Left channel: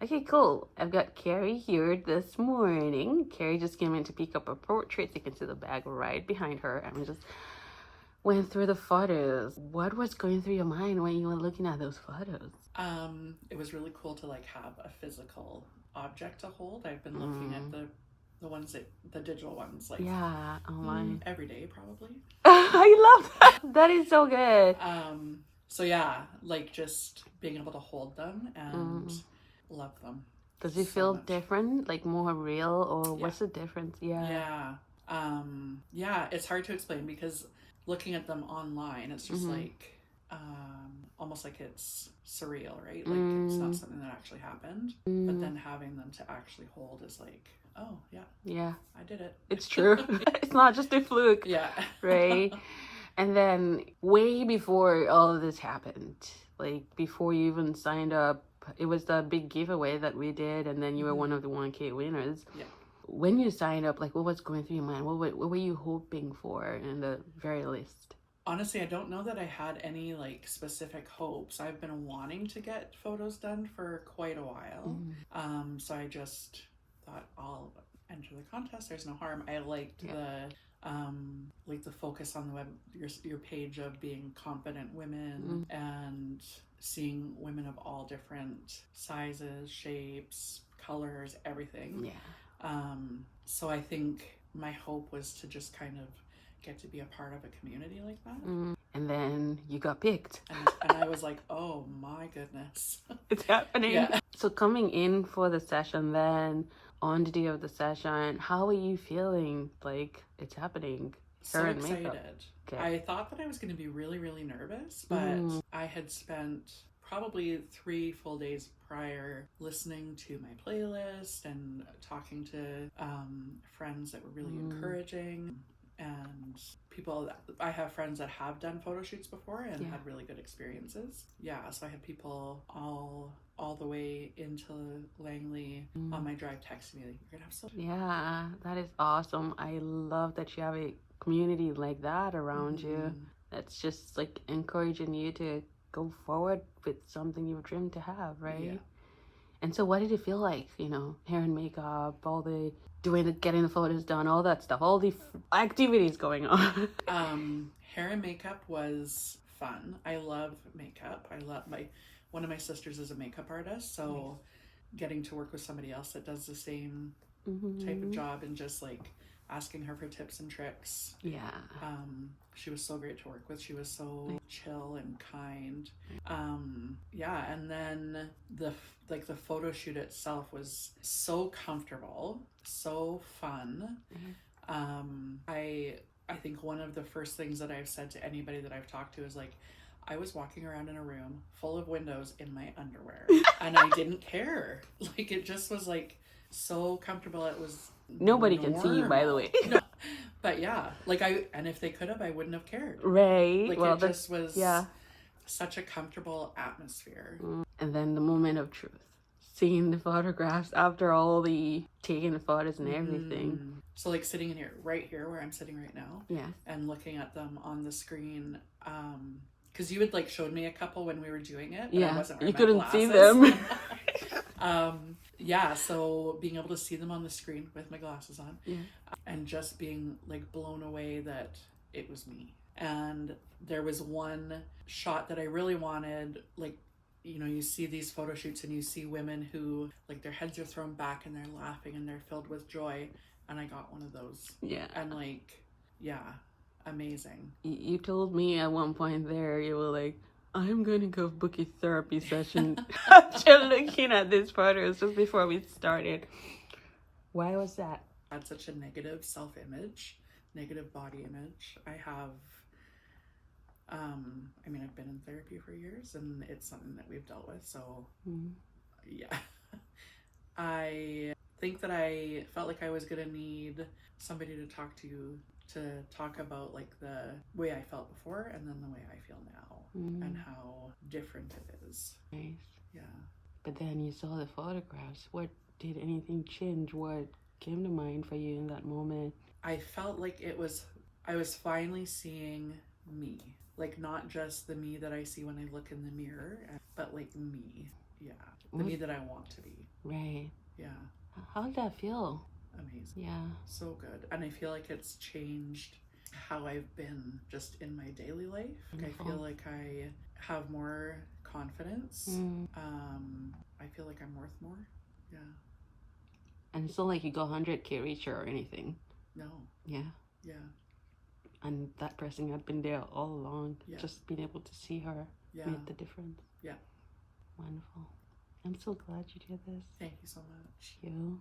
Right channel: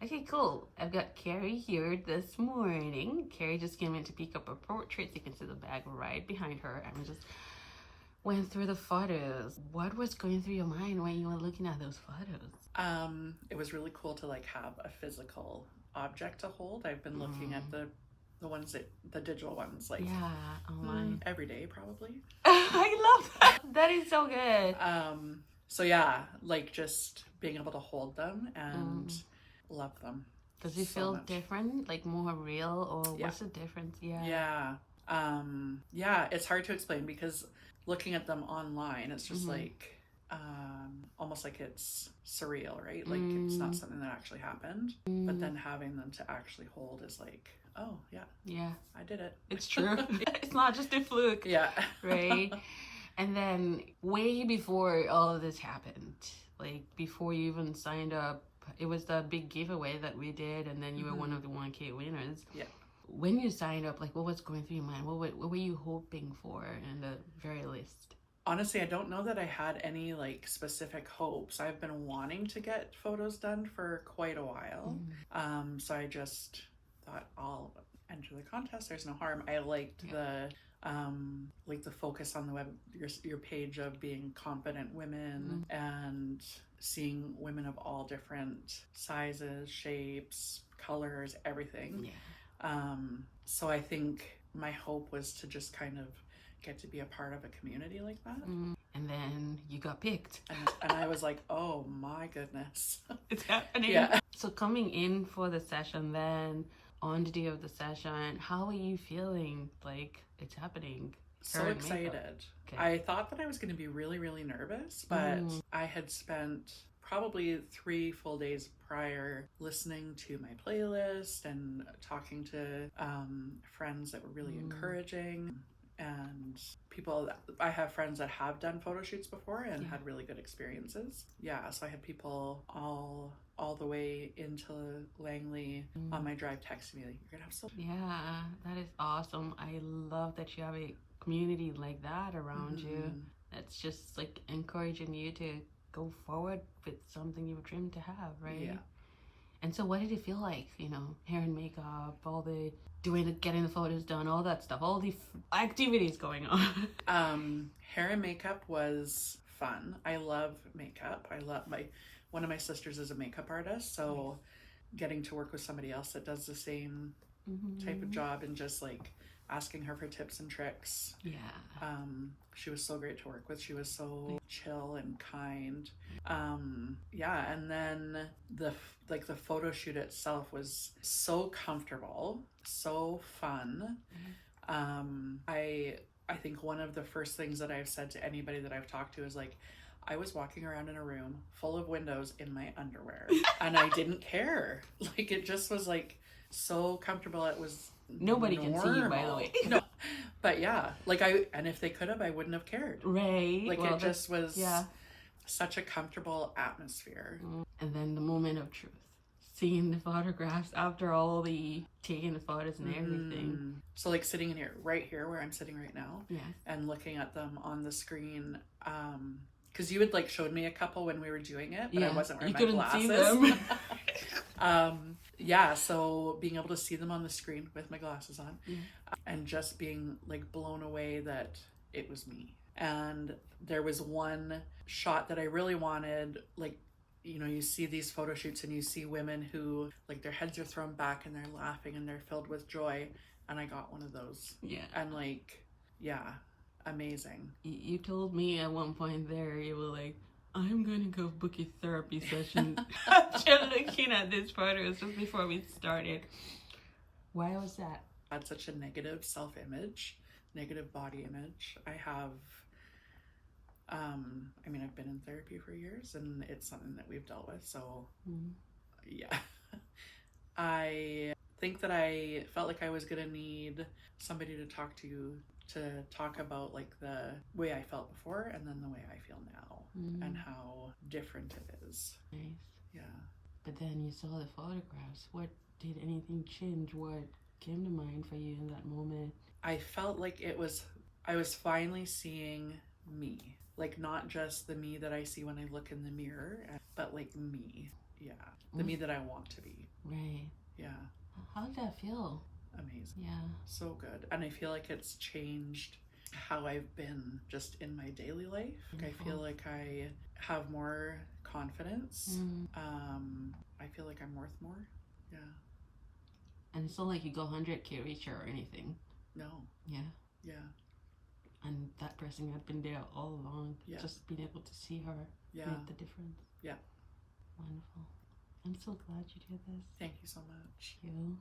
Okay, cool. I've got Carrie here this morning. Carrie just came in to pick up her portraits. You can see the bag right behind her. And we just went through the photos. What was going through your mind when you were looking at those photos? It was really cool to like have a physical object to hold. I've been looking at the ones the digital ones, like every day probably. I love that. That is so good. So yeah, like just being able to hold them and love them. Does it feel different, like more real, or what's the difference? Yeah, it's hard to explain because looking at them online, it's just like almost like it's surreal, right? Like it's not something that actually happened, but then having them to actually hold is like, oh yeah, I did it. It's true. It's not just a fluke. Yeah. Right. And then way before all of this happened, like before you even signed up, it was the big giveaway that we did, and then you were one of the 1K winners. Yeah. When you signed up, like what was going through your mind? What were you hoping for in the very least? Honestly, I don't know that I had any like specific hopes. I've been wanting to get photos done for quite a while. So I just thought I'll enter the contest. There's no harm. I liked the focus on the web, your page of being confident women and seeing women of all different sizes, shapes, colors, everything. So I think my hope was to just kind of get to be a part of a community like that. And then you got picked. And I was like, oh my goodness. It's happening. So coming in for the session, then on the day of the session, how are you feeling? Like it's happening? So excited. Okay. I thought that I was going to be really, really nervous, but I had spent probably 3 full days prior listening to my playlist and talking to friends that were really encouraging, and people that I have friends that have done photo shoots before and had really good experiences. So I had people all the way into Langley on my drive texting me like, you're gonna have so that is awesome. I love that you have a community like that around you. That's just like encouraging you to go forward with something you've dreamed to have, right? And so what did it feel like, hair and makeup, all the getting the photos done, all that stuff, all the activities going on? Hair and makeup was fun. I love makeup. I love one of my sisters is a makeup artist, so getting to work with somebody else that does the same type of job and just like asking her for tips and tricks. She was so great to work with. She was so chill and kind. And then the photo shoot itself was so comfortable, so fun. I think one of the first things that I've said to anybody that I've talked to is like, I was walking around in a room full of windows in my underwear and I didn't care. Like it just was like so comfortable. It was nobody can see you, by the way. But and if they could have, I wouldn't have cared. Right. Like it just was such a comfortable atmosphere. And then the moment of truth, seeing the photographs after all the taking the photos and everything. So like sitting in here, right here where I'm sitting right now, and looking at them on the screen, because you had like showed me a couple when we were doing it, but I wasn't wearing my glasses. You couldn't see them. So being able to see them on the screen with my glasses on, and just being like blown away that it was me. And there was one shot that I really wanted, like, you see these photo shoots and you see women who like their heads are thrown back and they're laughing and they're filled with joy, and I got one of those. And like, amazing. You told me at one point there, you were like, I'm going to go book a therapy session after looking at these photos just before we started. Why was that? I had such a negative self-image, negative body image. I have, I've been in therapy for years and it's something that we've dealt with. So I think that I felt like I was going to need somebody to talk about like the way I felt before and then the way I feel now and how different it is. Nice. But then you saw the photographs. What did anything change? What came to mind for you in that moment? I felt like I was finally seeing me, like not just the me that I see when I look in the mirror, but like me. The me that I want to be. Right. Yeah. How did that feel? Amazing. Yeah. So good. And I feel like it's changed how I've been just in my daily life. I feel like I have more confidence. I feel like I'm worth more. Yeah. And it's not like you go 100K richer or anything. No. Yeah. Yeah. And that person had been there all along. Yeah. Just being able to see her made the difference. Yeah. Wonderful. I'm so glad you did this. Thank you so much. Thank you.